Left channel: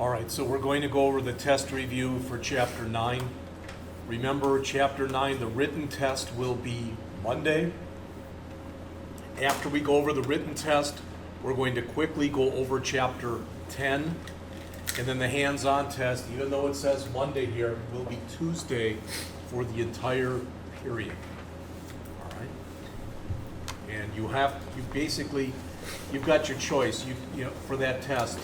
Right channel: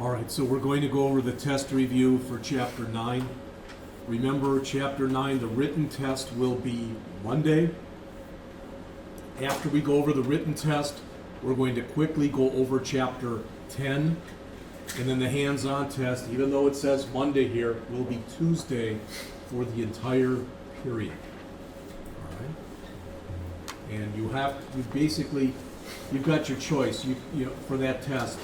All right, so we're going to go over the test review for Chapter 9. Remember, Chapter 9, the written test will be Monday. After we go over the written test, we're going to quickly go over Chapter 10. And then the hands-on test, even though it says Monday here, will be Tuesday for the entire period. All right? And you've got your choice for that test.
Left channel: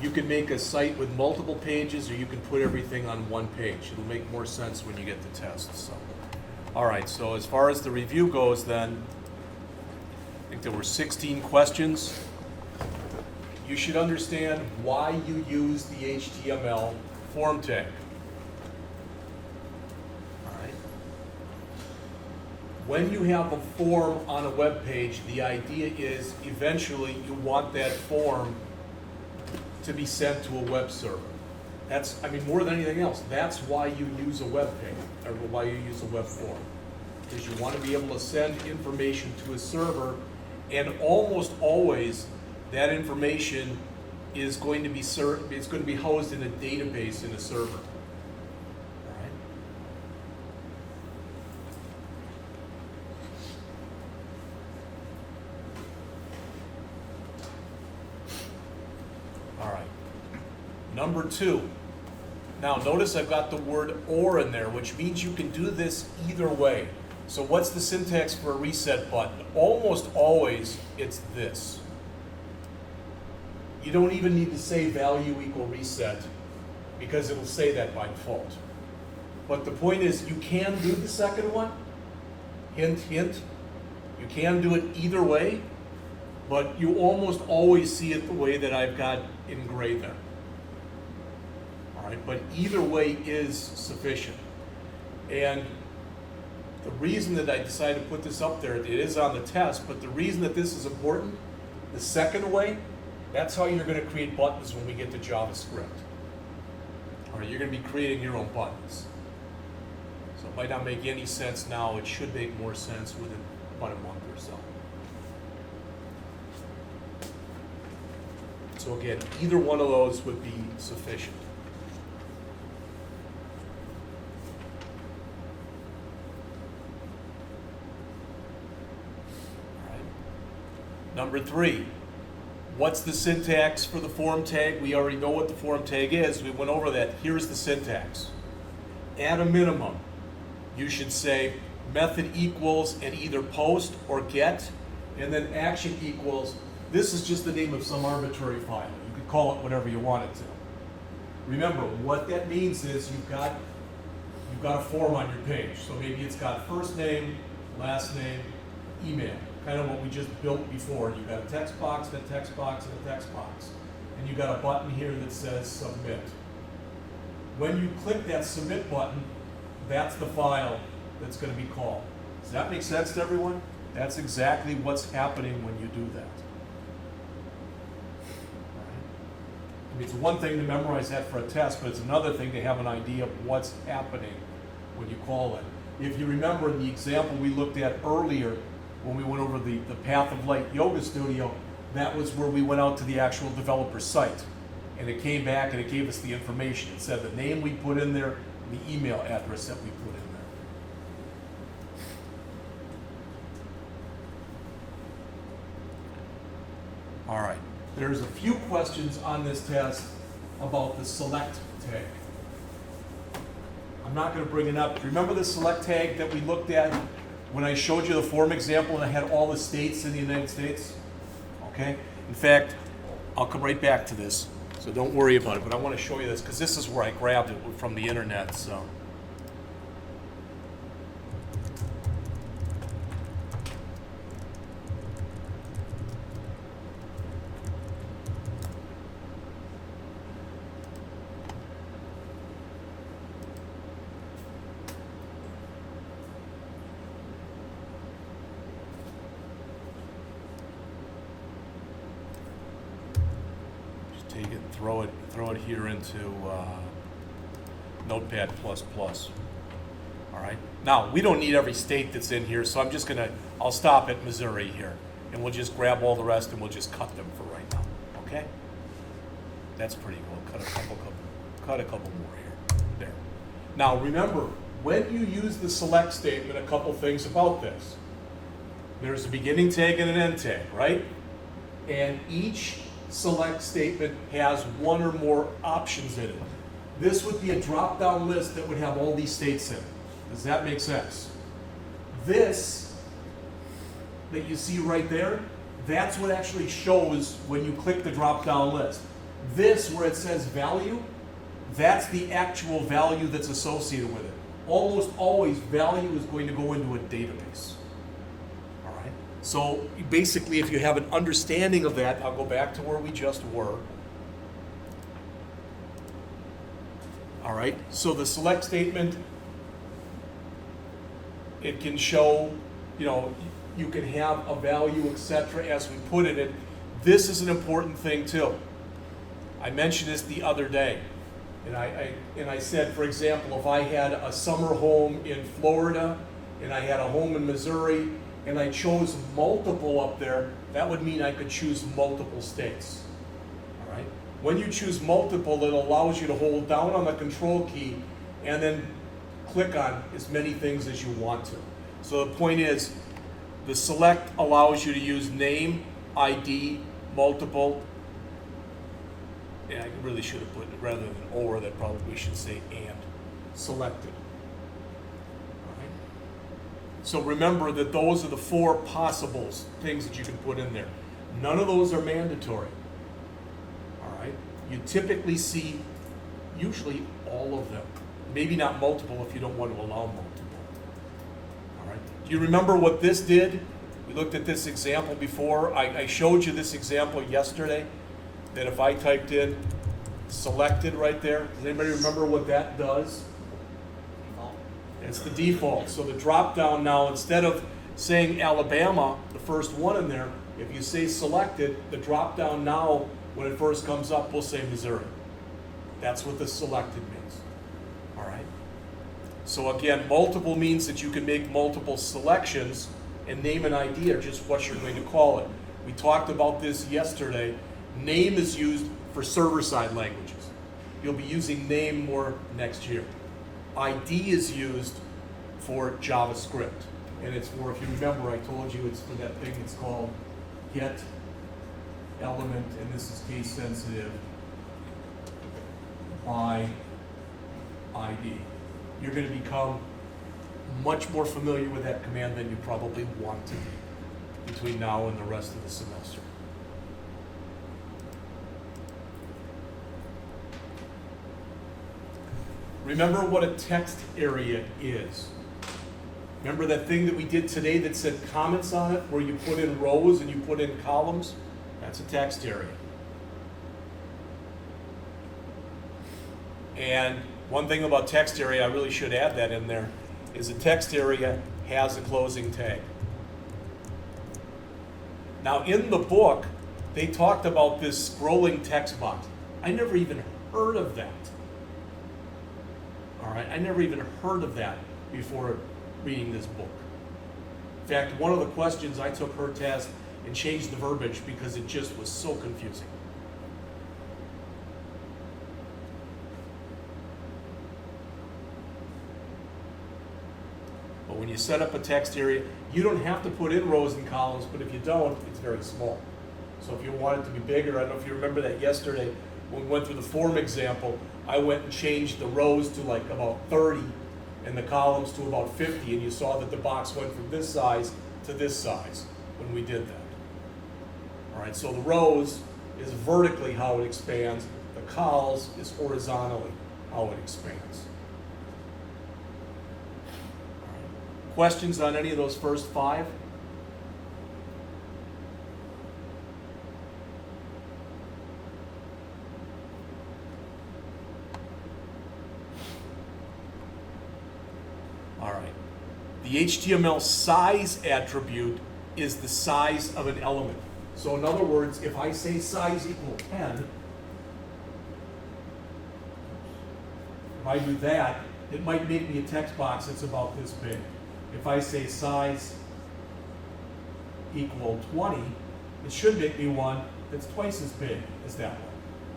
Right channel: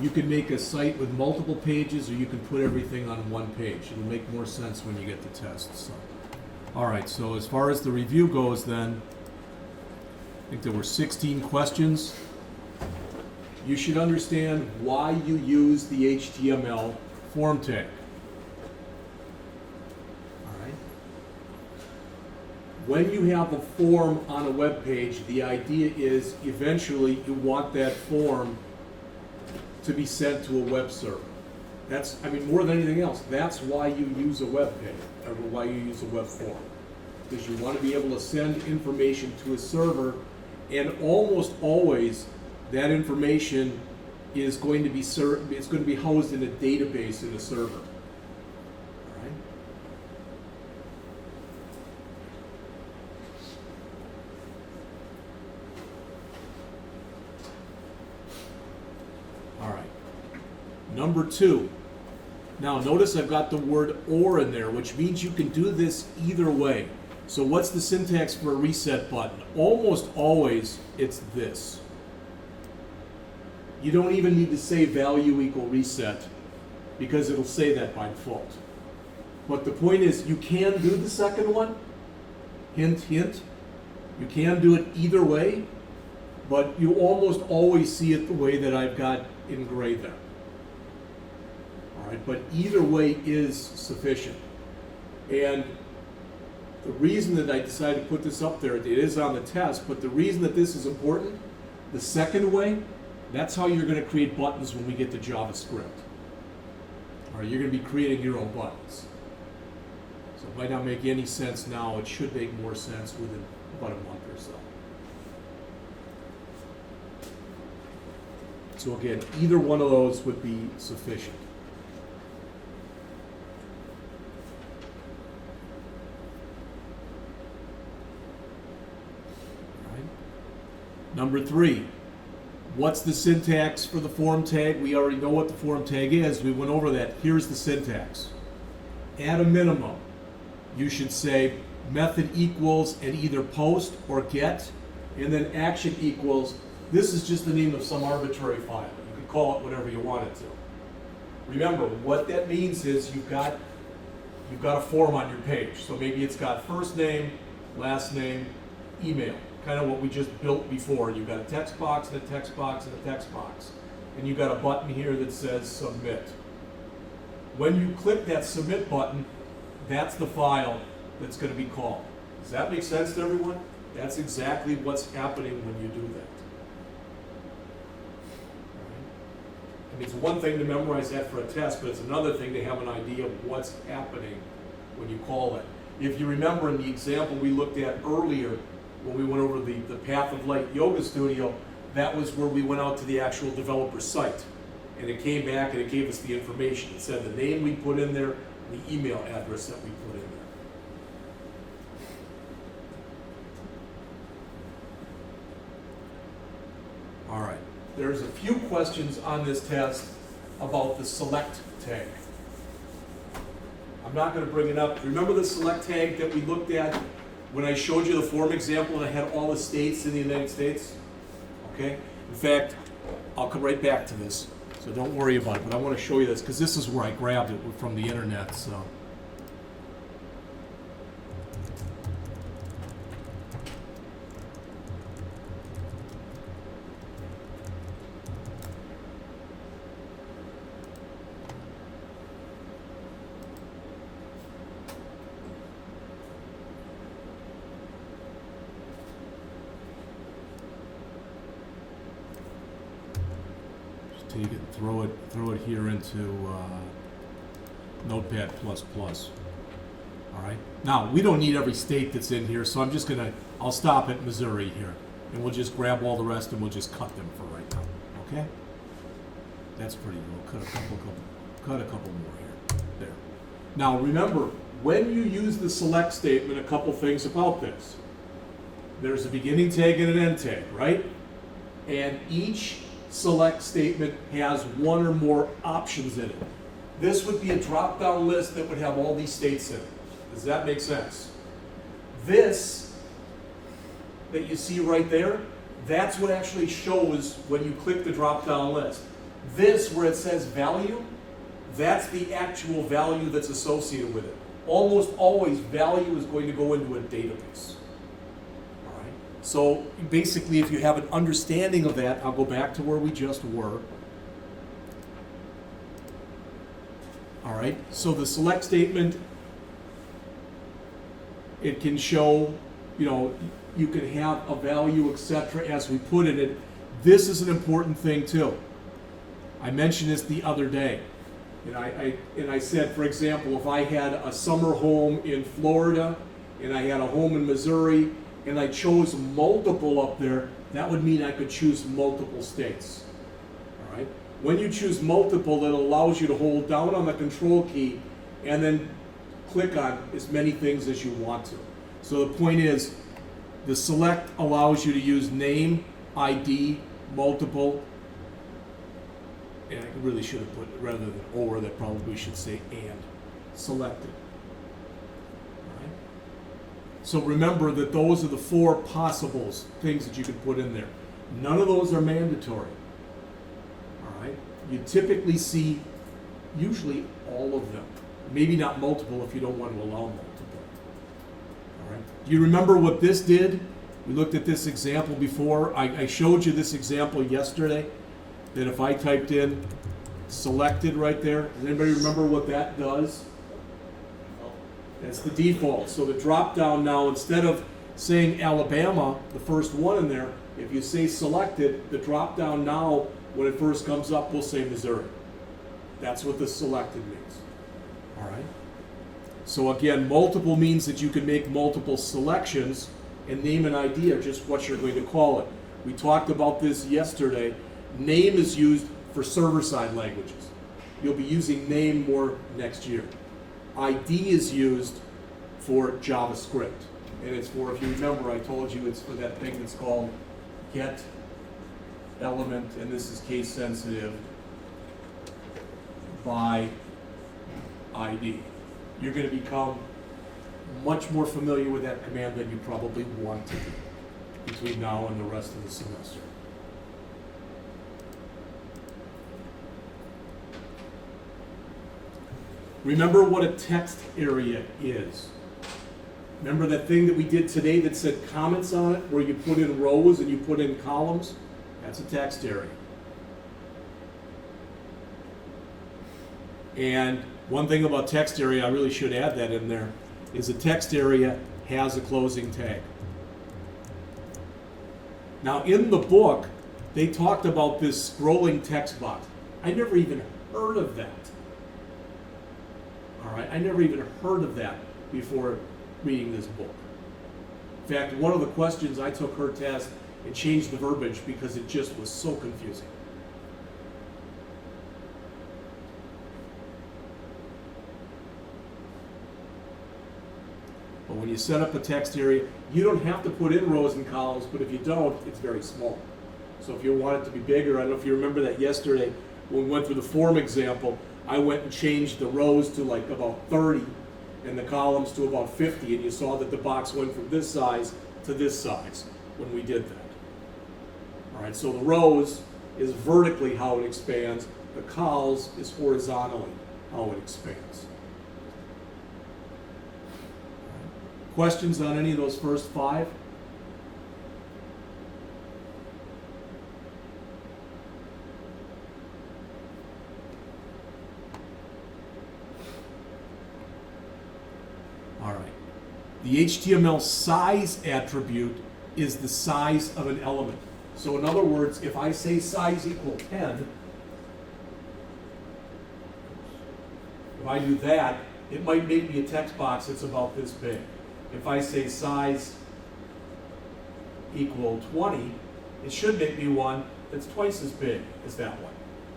You can make a site with multiple pages, or you can put everything on one page. It'll make more sense when you get the test. So. All right, so as far as the review goes then, I think there were 16 questions. You should understand why you use the HTML form tag. All right. When you have a form on a web page, the idea is eventually you want that form to be sent to a web server. More than anything else, that's why you use a web page, or why you use a web form. Because you want to be able to send information to a server, and almost always that information is going to be housed in a database in a server. All right. Number 2. Now notice I've got the word or in there, which means you can do this either way. So what's the syntax for a reset button? Almost always it's this. You don't even need to say value equal reset, because it'll say that by default. But the point is, you can do the second one. Hint, hint. You can do it either way, but you almost always see it the way that I've got in gray there. All right, but either way is sufficient. And the reason that I decided to put this up there, it is on the test, but the reason that this is important, the second way, that's how you're going to create buttons when we get to JavaScript. All right, you're going to be creating your own buttons. So it might not make any sense now. It should make more sense within about a month or so. So again, either one of those would be sufficient. All right. Number 3. What's the syntax for the form tag? We already know what the form tag is. We went over that. Here's the syntax. At a minimum, you should say method equals and either post or get, and then action equals. This is just the name of some arbitrary file. You can call it whatever you want it to. Remember, what that means is you've got a form on your page. So maybe it's got first name, last name, email. Kind of what we just built before. You've got a text box, and a text box, and a text box. And you've got a button here that says submit. When you click that submit button, that's the file that's going to be called. Does that make sense to everyone? That's exactly what's happening when you do that. I mean, it's one thing to memorize that for a test, but it's another thing to have an idea of what's happening when you call it. If you remember in the example we looked at earlier, when we went over the Path of Light Yoga Studio, that was where we went out to the actual developer site. And it came back and it gave us the information. It said the name we put in there, the email address that we put in there. All right, there's a few questions on this test about the select tag. I'm not going to bring it up. Remember the select tag that we looked at when I showed you the form example and I had all the states in the United States? Okay? In fact, I'll come right back to this, so don't worry about it, but I want to show you this because this is where I grabbed it from the internet. So. Take it and throw it here into Notepad++. All right. Now we don't need every state that's in here, so I'll stop at Missouri here, and we'll just grab all the rest and we'll just cut them for right now. Okay. That's pretty cool. Cut a couple more here. There. Now remember, when you use the select statement, a couple things about this. There's a beginning tag and an end tag, right? And each select statement has one or more options in it. This would be a drop-down list that would have all these states in it. Does that make sense? This that you see right there, that's what actually shows when you click the drop-down list. This, where it says value, that's the actual value that's associated with it. Almost always, value is going to go into a database. All right? So basically, if you have an understanding of that, I'll go back to where we just were. All right, so the select statement, it can show, you can have a value, etc., as we put in it. This is an important thing too. I mentioned this the other day, and I said, for example, if I had a summer home in Florida and I had a home in Missouri and I chose multiple up there, that would mean I could choose multiple states. All right? When you choose multiple, that allows you to hold down on the control key and then click on as many things as you want to. So the point is, the select allows you to use name, ID, multiple. Yeah, I really should have put it, rather than or, that probably should say and selected. Right. So remember that those are the 4 possible things that you can put in there. None of those are mandatory. All right. You typically see usually all of them. Maybe not multiple if you don't want to allow multiple. All right. Do you remember what this did? We looked at this example before. I showed you this example yesterday, that if I typed in selected right there, does anybody remember what that does? That's the default. So the drop down now, instead of saying Alabama, the first one in there, if you say selected, the drop down now, when it first comes up, will say Missouri. That's what the selected means. All right. So again, multiple means that you can make multiple selections, and name and ID are just what you're going to call it. We talked about this yesterday. Name is used for server-side languages. You'll be using name more next year. ID is used for JavaScript. And it's for, if you remember, I told you it's for that thing that's called get element, and this is case sensitive, by ID. You're going to become much more familiar with that command than you probably want to be between now and the rest of the semester. Remember what a text area is. Remember that thing that we did today that said comments on it, where you put in rows and you put in columns? That's a text area. And one thing about text area, I really should add that in there, is a text area has a closing tag. Now in the book, they talked about this scrolling text box. I never even heard of that. All right, I never even heard of that before reading this book. In fact, one of the questions, I took her test and changed the verbiage because it just was so confusing. But when you set up a text area, you don't have to put in rows and columns, but if you don't, it's very small. So if you want it to be bigger, I don't know if you remember that yesterday, when we went through the form example, I went and changed the rows to like about 30 and the columns to about 50, and you saw that the box went from this size to this size when we did that. All right, so the rows is vertically how it expands, the cols is horizontally how it expands. Questions on any of those first 5? All right. The HTML size attribute is the size of an element. So in other words, if I say size equal 10, if I do that, it might make me a text box that's about this big. If I say size equal 20, it should make me one that's twice as big as that one.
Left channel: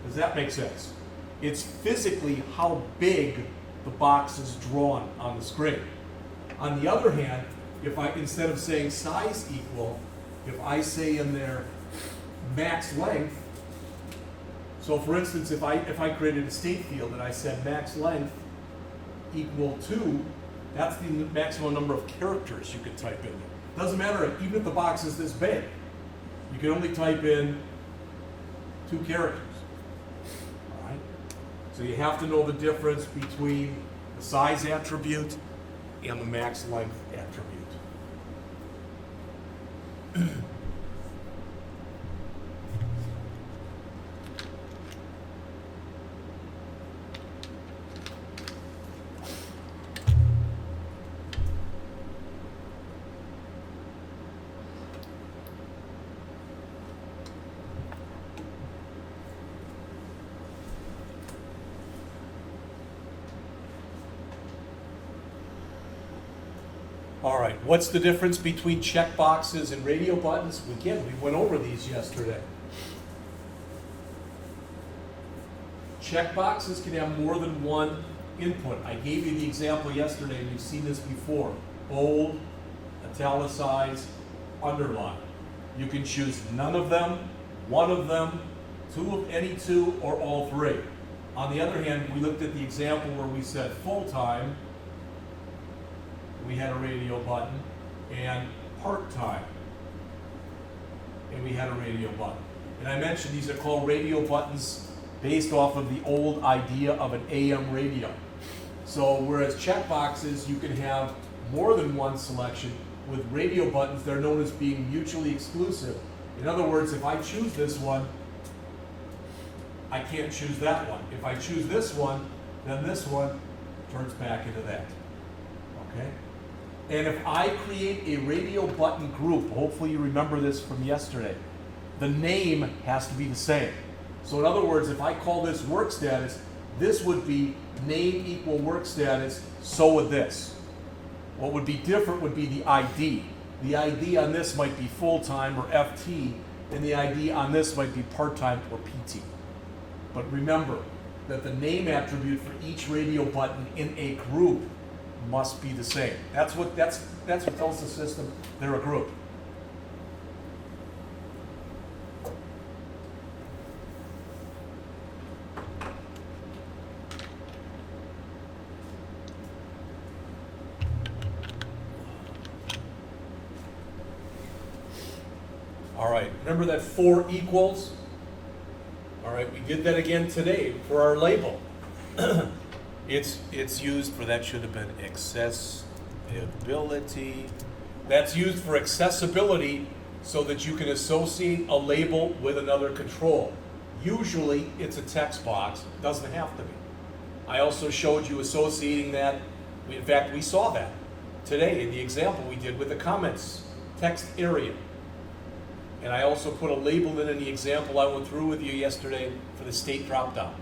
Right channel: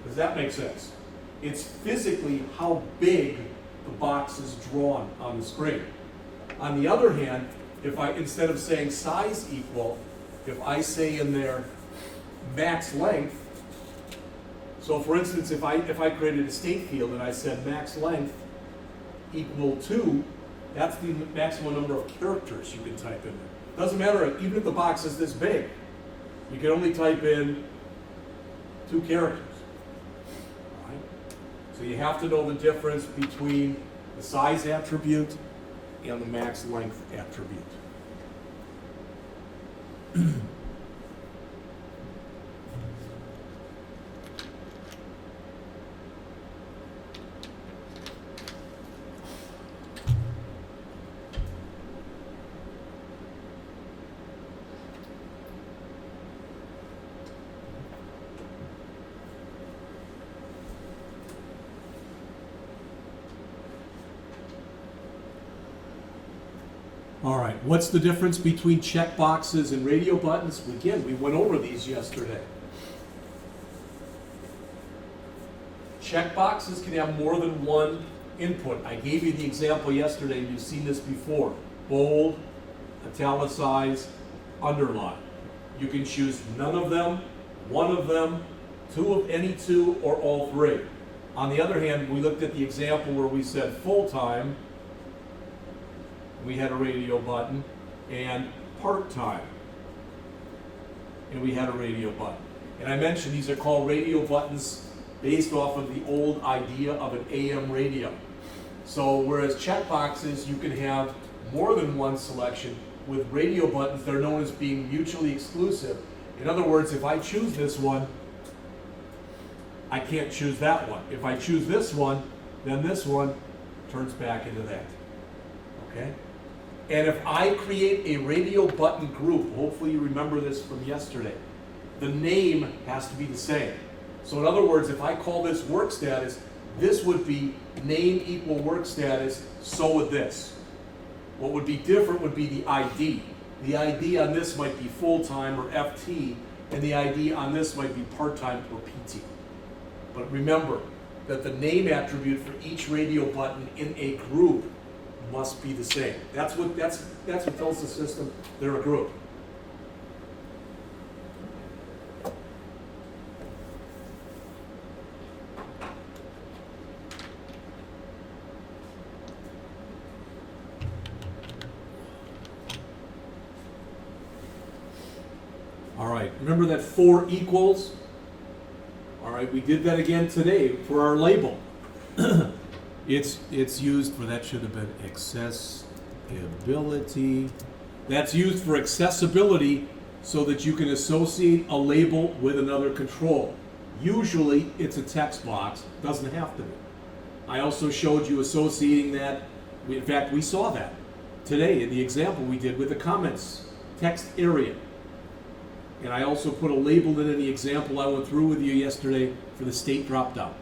Does that make sense? It's physically how big the box is drawn on the screen. On the other hand, if I, instead of saying size equal, if I say in there max length, so for instance, if I created a state field and I said max length equal to, that's the maximum number of characters you can type in there. Doesn't matter, even if the box is this big, you can only type in 2 characters. All right? So you have to know the difference between the size attribute and the max length attribute. All right, what's the difference between checkboxes and radio buttons? Again, we went over these yesterday. Checkboxes can have more than one input. I gave you the example yesterday, you've seen this before. Bold, italicize, underline. You can choose none of them, one of them, any two, or all 3. On the other hand, we looked at the example where we said full-time, we had a radio button, and part-time, and we had a radio button. And I mentioned these are called radio buttons based off of the old idea of an AM radio. So whereas checkboxes, you can have more than one selection, with radio buttons, they're known as being mutually exclusive. In other words, if I choose this one, I can't choose that one. If I choose this one, then this one turns back into that. Okay? And if I create a radio button group, hopefully you remember this from yesterday, the name has to be the same. So in other words, if I call this work status, this would be name equal work status, so would this. What would be different would be the ID. The ID on this might be full-time or FT, and the ID on this might be part-time or PT. But remember that the name attribute for each radio button in a group must be the same. That's what tells the system they're a group. All right, remember that 4 equals? All right, we did that again today for our label. It's used for, that should have been accessibility. That's used for accessibility so that you can associate a label with another control. Usually it's a text box, doesn't have to be. I also showed you associating that, in fact we saw that today in the example we did with the comments text area. And I also put a label in the example I went through with you yesterday for the state drop down.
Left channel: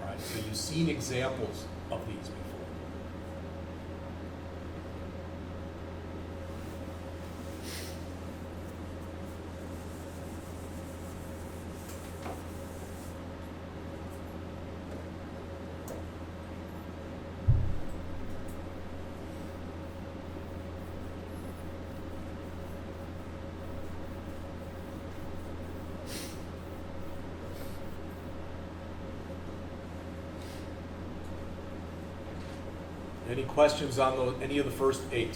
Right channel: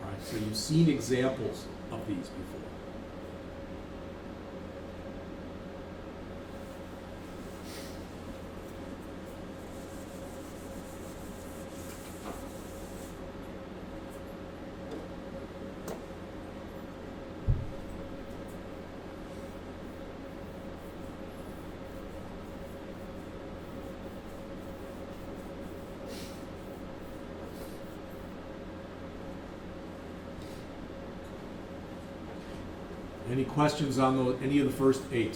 All right, so you've seen examples of these before. Any questions on any of the first 8?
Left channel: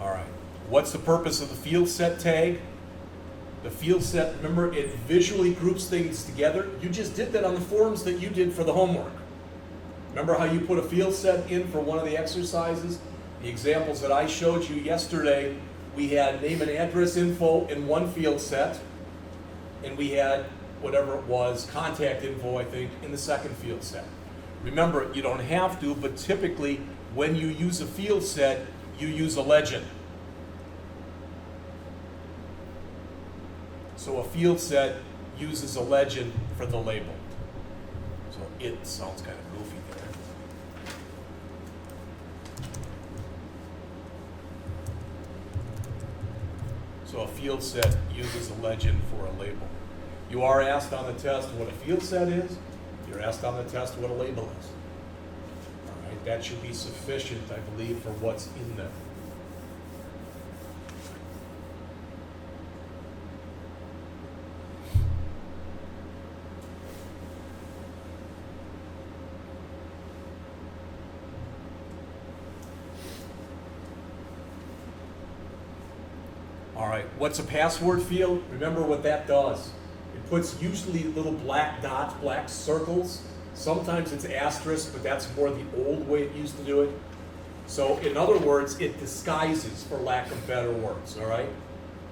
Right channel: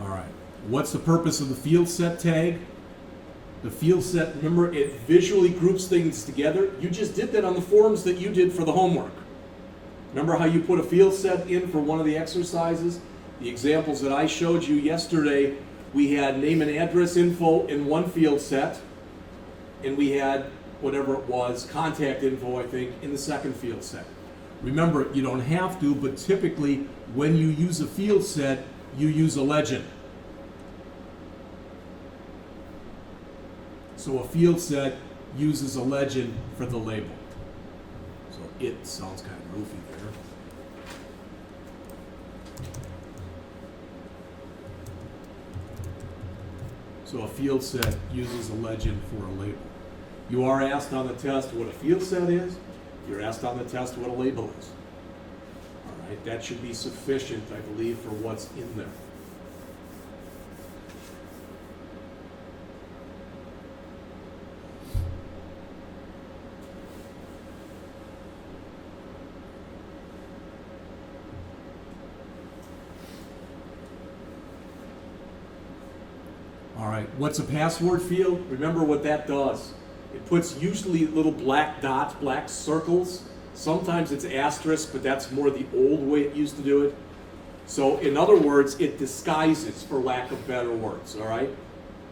All right. What's the purpose of the field set tag? The field set, remember, it visually groups things together. You just did that on the forms that you did for the homework. Remember how you put a field set in for one of the exercises? The examples that I showed you yesterday, we had name and address info in one field set, and we had whatever it was, contact info, I think, in the second field set. Remember, you don't have to, but typically when you use a field set, you use a legend. So a field set uses a legend for the label. So it sounds kind of goofy there. So a field set uses a legend for a label. You are asked on the test what a field set is. You're asked on the test what a label is. All right, that should be sufficient, I believe, for what's in there. All right, what's a password field? Remember what that does. It puts usually little black dots, black circles. Sometimes it's asterisk, but that's more the old way it used to do it. So in other words, it disguises, for lack of better words, all right?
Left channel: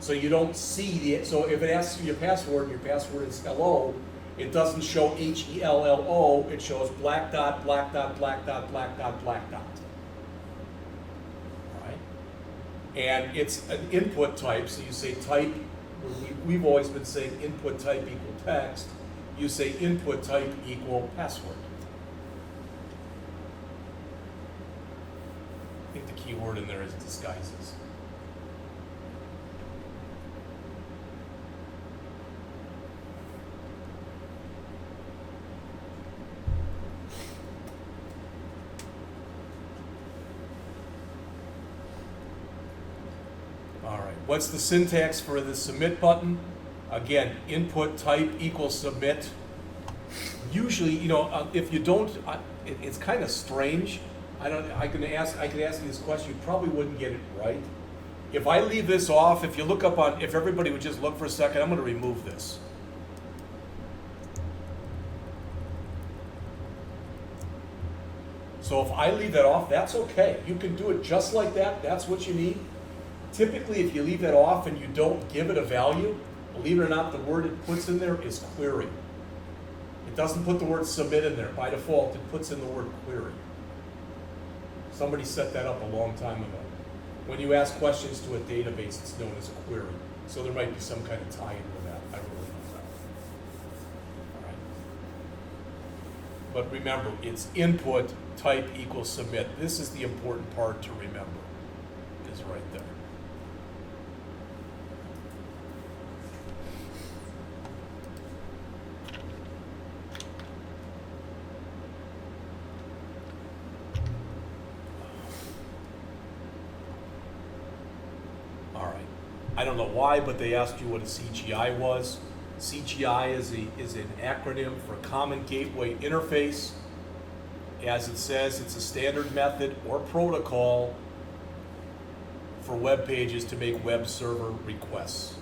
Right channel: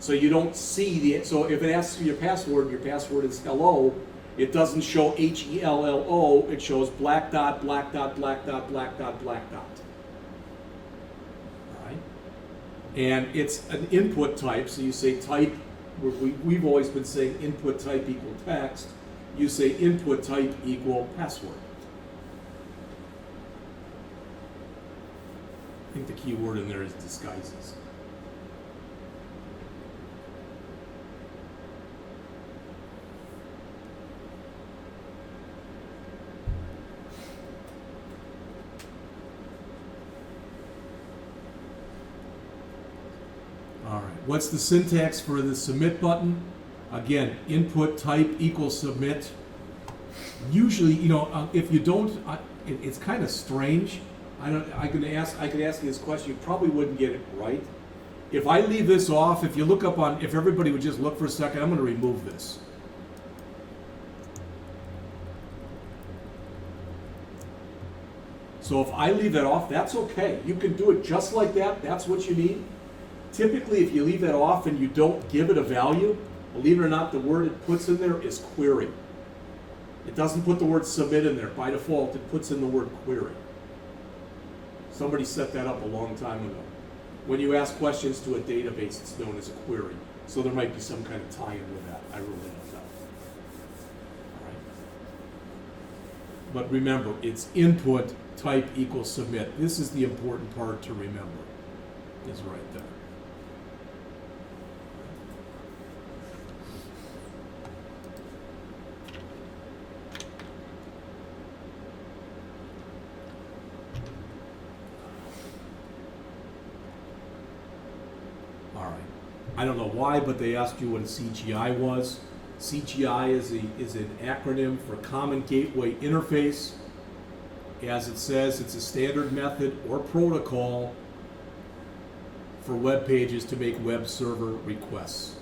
So you don't see so if it asks for your password is hello, it doesn't show HELLO, it shows black dot, black dot, black dot, black dot, black dot. And it's an input type, so you say type, we've always been saying input type equal text. You say input type equal password. I think the key word in there is disguises. All right, what's the syntax for the submit button? Again, input type equals submit. Usually, if you don't, it's kind of strange. I could ask you this question, you probably wouldn't get it right. If I leave this off, if you look up if everybody would just look for a second, I'm going to remove this. So if I leave that off, that's okay. You can do it just like that. That's what you need. Typically, if you leave that off and you don't give it a value, believe it or not, the word it puts in there is query. It doesn't put the word submit in there. By default, it puts in the word query. Somebody set that up a long time ago. When you ask questions to a database, it's known as a query. So there might be some kind of tie-in with that. I really don't know. All right. But remember, it's input type equals submit. This is the important part to remember, is right there. I don't know why, but they asked you what a CGI was. CGI is an acronym for Common Gateway Interface. As it says, it's a standard method or protocol for web pages to make web server requests.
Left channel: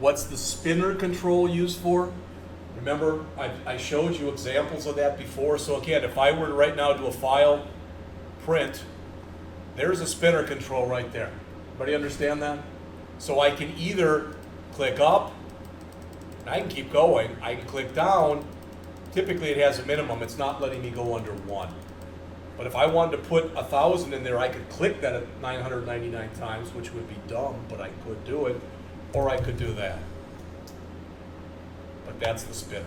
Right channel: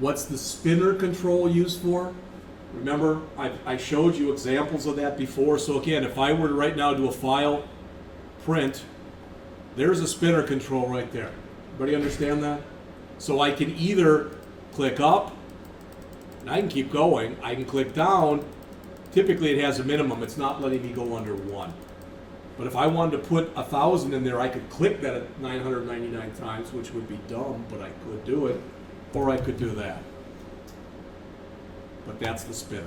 What's the spinner control used for? Remember, I showed you examples of that before. So again, if I were to right now do a file print, there's a spinner control right there. Everybody understand that? So I can either click up, and I can keep going. I can click down. Typically it has a minimum. It's not letting me go under 1. But if I wanted to put 1,000 in there, I could click that at 999 times, which would be dumb, but I could do it. Or I could do that. But that's the spinner.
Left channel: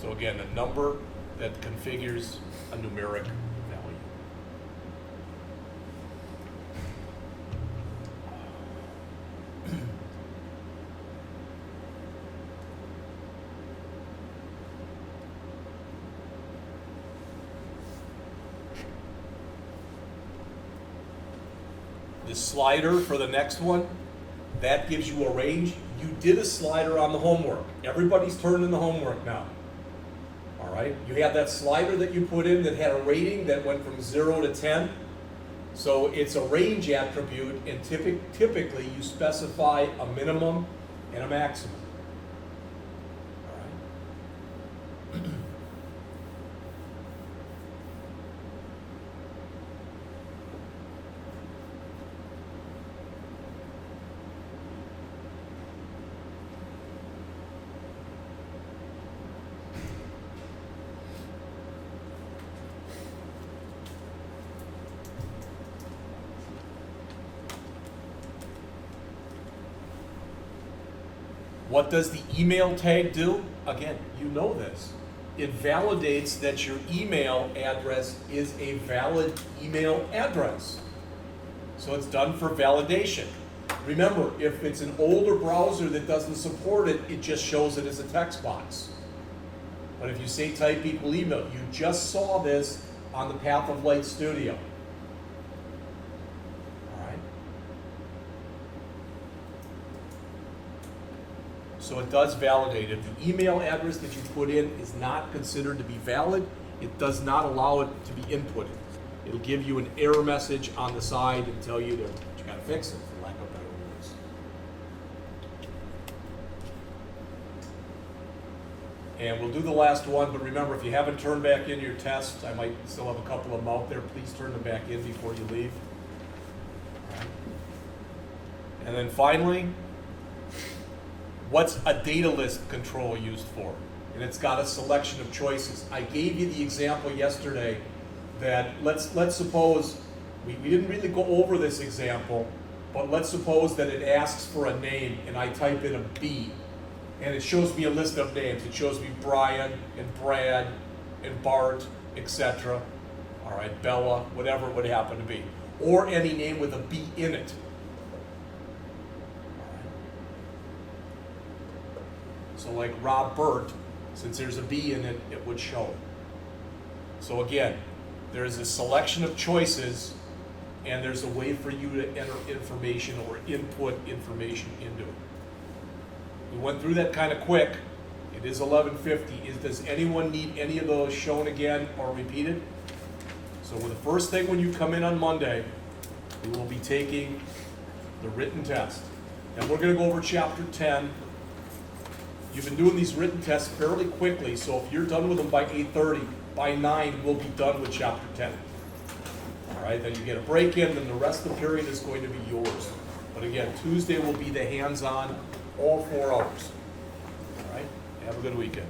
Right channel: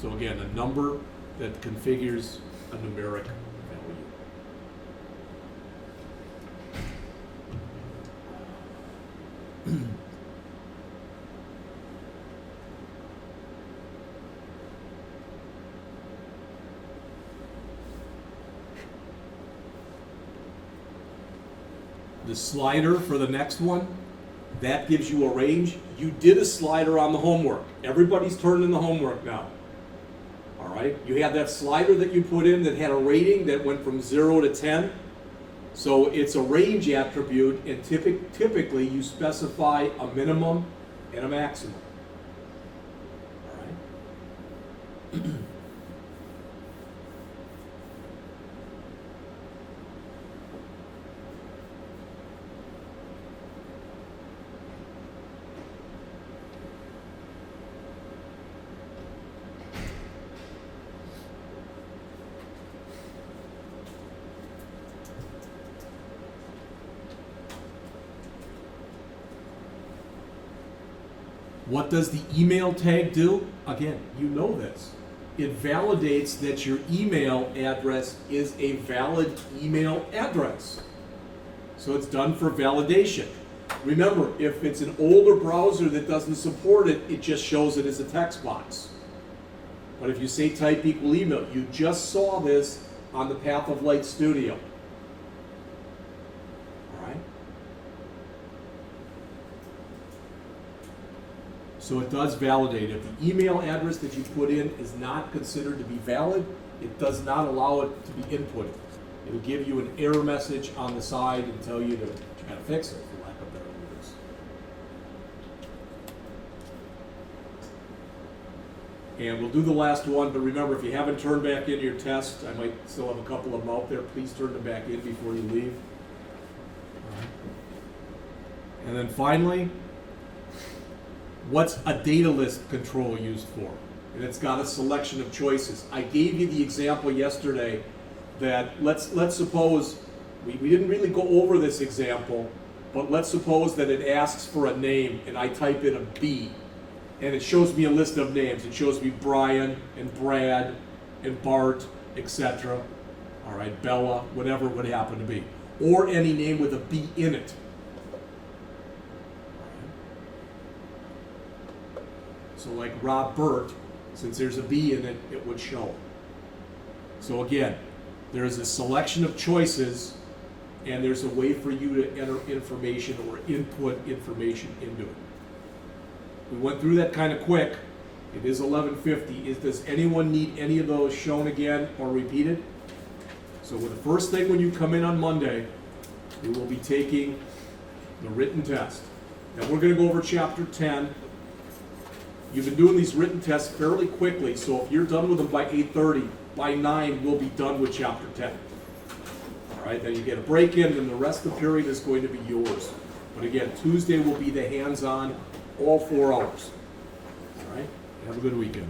So again, a number that configures a numeric value. The slider for the next one, that gives you a range. You did a slider on the homework. Everybody's turned in the homework now. All right, you had that slider that you put in that had a rating that went from 0 to 10. So it's a range attribute, and typically you specify a minimum and a maximum. All right. What does the email tag do? Again, you know this. It validates that your email address is a valid email address. So it's done for validation. Remember, if it's an older browser that doesn't support it, it just shows it as a text box. But if you say type equal email, you just saw this on the Path of Light Studio. All right? So it does validate. If the email address that you put in is not considered to be valid, it does not allow it to be inputted. It'll give you an error message on the side and tell you that you gotta fix it, for lack of better words. And we'll do the last one, but remember, if you haven't turned back in your test, I might still have a couple of them out there, please turn them back in before you leave. And then finally, what's a data list control used for? And it's got a selection of choices. I gave you the example yesterday that let's suppose, we didn't really go over this example, but let's suppose that it asks for a name and I type in a B and it shows me a list of names. It shows me Brian and Brad and Bart, etc. All right, Bella, whatever it would happen to be. Or any name with a B in it. So like Robert, since there's a B in it, it would show. So again, there is a selection of choices and there's a way for you to enter information or input information into it. We went through that kind of quick. It is 11:50. Does anyone need any of those shown again or repeated? So the first thing when you come in on Monday, we will be taking the written test. Now we're going to go over Chapter 10. You've been doing these written tests fairly quickly, so if you're done with them by 8:30, by 9 we'll be done with Chapter 10. All right, then you get a break in, and the rest of the period is going to be yours. But again, Tuesday will be the hands-on, all 4 hours. All right, have a good weekend.